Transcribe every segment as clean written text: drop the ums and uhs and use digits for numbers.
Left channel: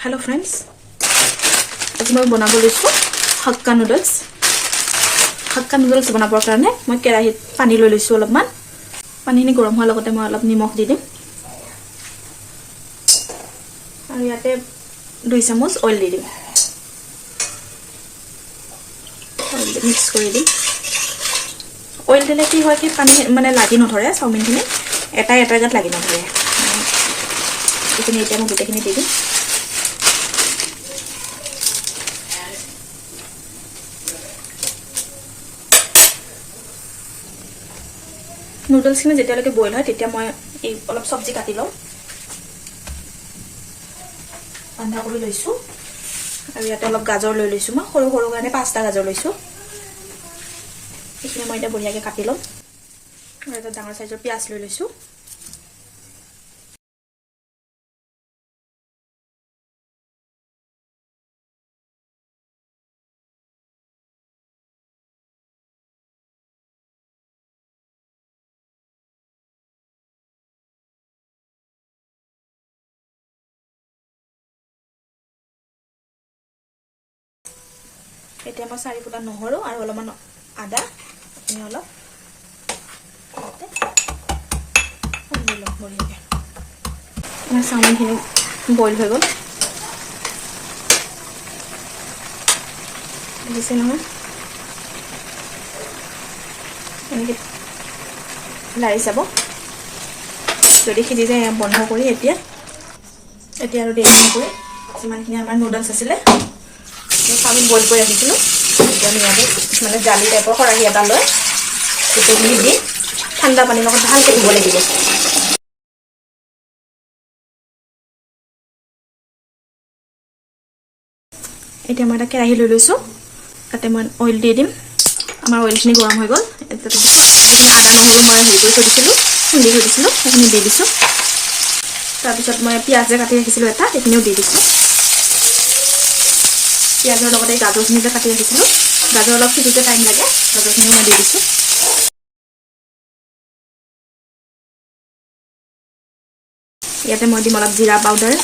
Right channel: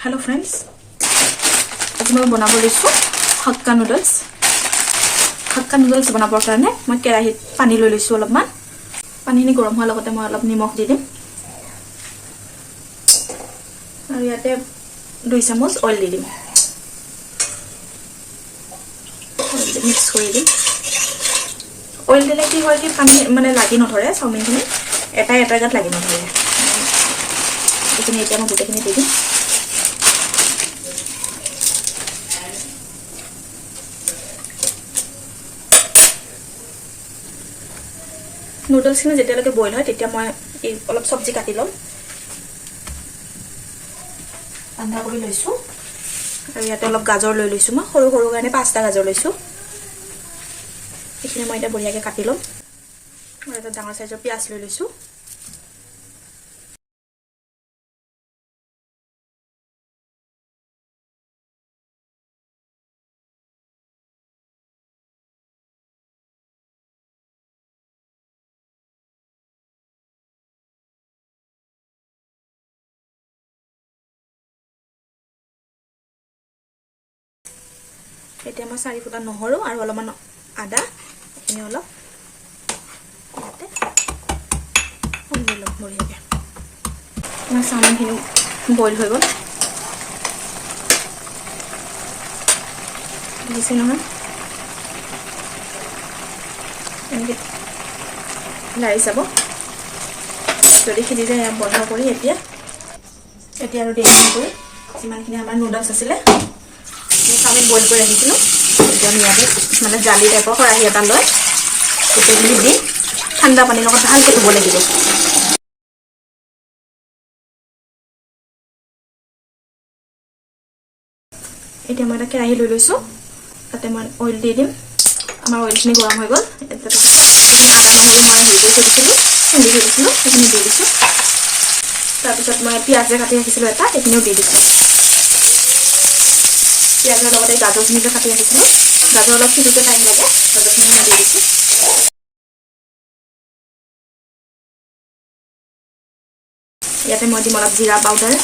Hello friends, আজি মই বনাব লৈছো হাক্কা নুডলছ। হাক্কা নুডলছ বনাবৰ কাৰণে মই কেৰাহীত পানী লৈ লৈছো অলপমান। পানীখিনি গৰম হোৱাৰ লগতে মই অলপ নিমখ দি দিম আৰু ইয়াতে 2 চামুচ অইল দি দিম। মিক্স কৰি দিম। অইল দিলে কি হয় কি পানী মানে লাগি নধৰে, চাওমিনখিনি এটা গাত লাগি নধৰে। এইখিনি এতিয়া মই গোটেইখিনি দি দিম। নুডলছখিনি যেতিয়ালৈকে বইল হয় তেতিয়া মই এই অলপ সবজি কাটি লম। বন্ধাকবি লৈছো আৰু ইয়াতে অলপ গাজৰ লৈ লৈছো। মই সৰু সৰু কাৰণে 5টা গাজৰ লৈছো। এইখিনি মই এতিয়া বঢ়িয়াকৈ কাটি লম। আৰু এটা ডাঙৰ সাইজৰ পিয়াজ লৈ লৈছো। এতিয়া মই 4 ফুটা নহৰু আৰু অলপমান আদা এনে অলপ আমাৰ চাওমিনখিনি বইল হৈ গ'ল। দেখিছে নহয়, এনেকৈ লাৰি যাব। যদি সিজি যায় বন্ধ কৰি এতিয়া আৰু দেৰি নকৰি যিমানখিনি আমাৰ নুডলছ আছিলে চাওমিন বইল কৰি ৰাখিছিলোঁ এতিয়া আমি ইয়াতে মানে জালি টাইপৰ খৰাহী এটা লৈ গোটেইখিনি দি ঠাণ্ডা পানীৰ লগত ভালকৈ ধুব লাগিব। এতিয়া মই এটা কেৰাহী লৈ লৈছোঁ। তাতে মই অইল দি দিম। আমাৰ অইলখিনি গৰম হৈ গ'ল। আদা নহৰু মই হেৰি কৰি থৈ দিছিলোঁ, খুন্দি থৈ দিছিলোঁ, সেইখিনি দি দিছোঁ। তাৰপিছত মই পিঁয়াজ কাটি ৰাখিছিলোঁ এটা, সেইখিনিও দি দিছোঁ। পিঁয়াজৰ লগতে গাজৰখিনি যে কাটি ৰাখিছিলোঁ, গাজৰ অলপ সিজোতে টাইম লাগে, গাজৰখিনি মই দি দিছোঁ। ইয়াতে মই দিম অলপ জিৰা পাউডাৰ,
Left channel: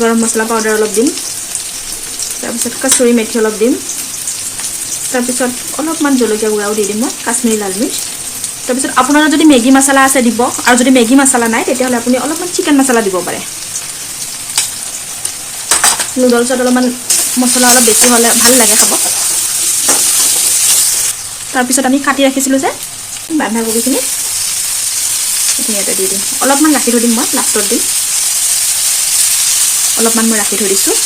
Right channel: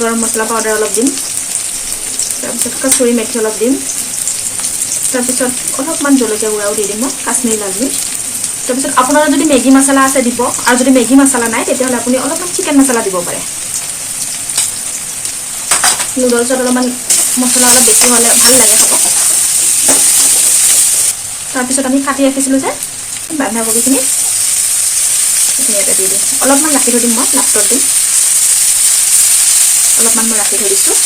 গৰম মছলা পাউডাৰ অলপ দিম, তাৰপিছত কচুৰি মেথি অলপ দিম, তাৰপিছত অলপমান জলকীয়া গুড়াও দি দিম মই, কাশ্মীৰী লাল মিৰ্চ। তাৰপিছত আপোনাৰ যদি মেগী মছলা আছে দিব, আৰু যদি মেগী মছলা নাই তেতিয়াহ'লে আপুনি অলপমান চিকেন মছলা দিব পাৰে। নুডলছত অলপমান মছলা অলপ বেছি হ'লে ভাল লাগে খাব। তাৰপিছত আমি কাটি ৰাখিছিলোঁ যে বন্ধাকবিখিনি ইয়াতে দি দিম। অলপমান ৰাখি থৈ দিম, মই লাষ্টত দিম। অলপমান মই ৰাখি থৈ দিছোঁ।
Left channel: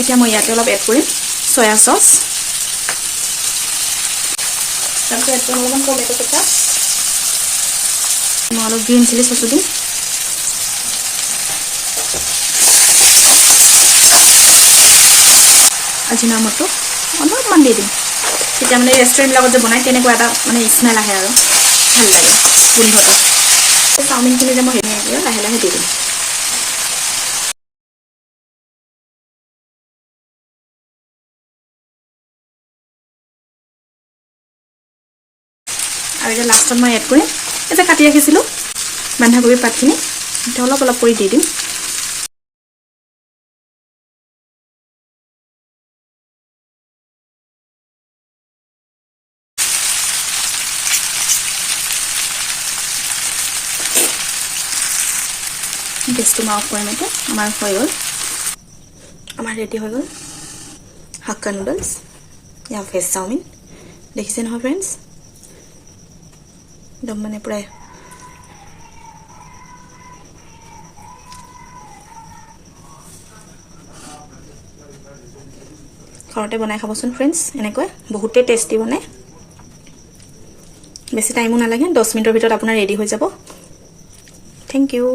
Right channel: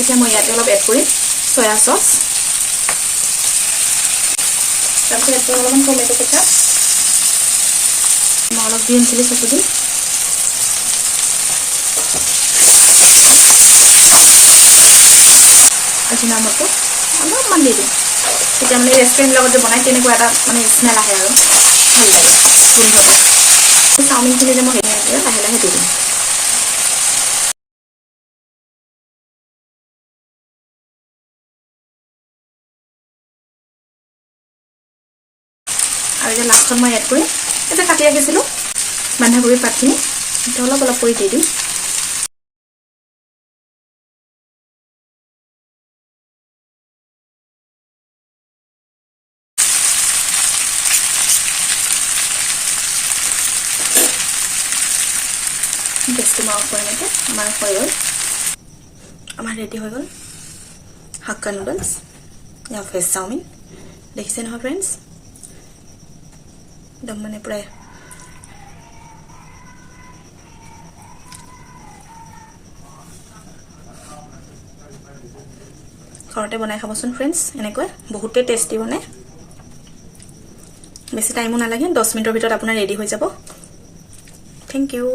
এতিয়া মই ইয়াতে অলপ এড কৰিম চয়া চচ, তাৰপিছত অলপমান টমেটো কেচাপ, মই অলপ গ্ৰীণ চিলি চচো দিম। আজিনামোটো অলপমান দি দিম। তেতিয়া মানে ৰেষ্টুৰেণ্টৰ লগত যে বনাই তেনেকুৱা এটা মানে স্মেল আহে আৰু ভাল লাগে গোন্ধটো। চাওমিনখিনি যে মই লাহে লাহে দি দিম। আৰু এতিয়া লাষ্টত মই এড কৰিম এই যে কাটি ৰাখিছিলোঁ বন্ধাকবিৰ পাতখিনি, এতিয়া অলপ অলপ কৰি দি দিম। গেছটো মই অফ কৰিম। এতিয়া আমাৰ হৈ গ'ল, আমাৰ ৰেডি হৈ গ'ল হাক্কা নুডলছ ইয়া ভেজ চাওমিন। দেখিছে নহয় ফ্ৰেণ্ডছ, একদম মানে প্ৰায় ঘৰতে বনাই খাবচোন ফ্ৰেণ্ডছ। এনেকৈ বহুতেই টেষ্টি বনে, বেছি টাইমো নালাগে, 10 মিনিটৰ ভিতৰত আপোনাৰ ৰেডি হৈ যাব। Thank U.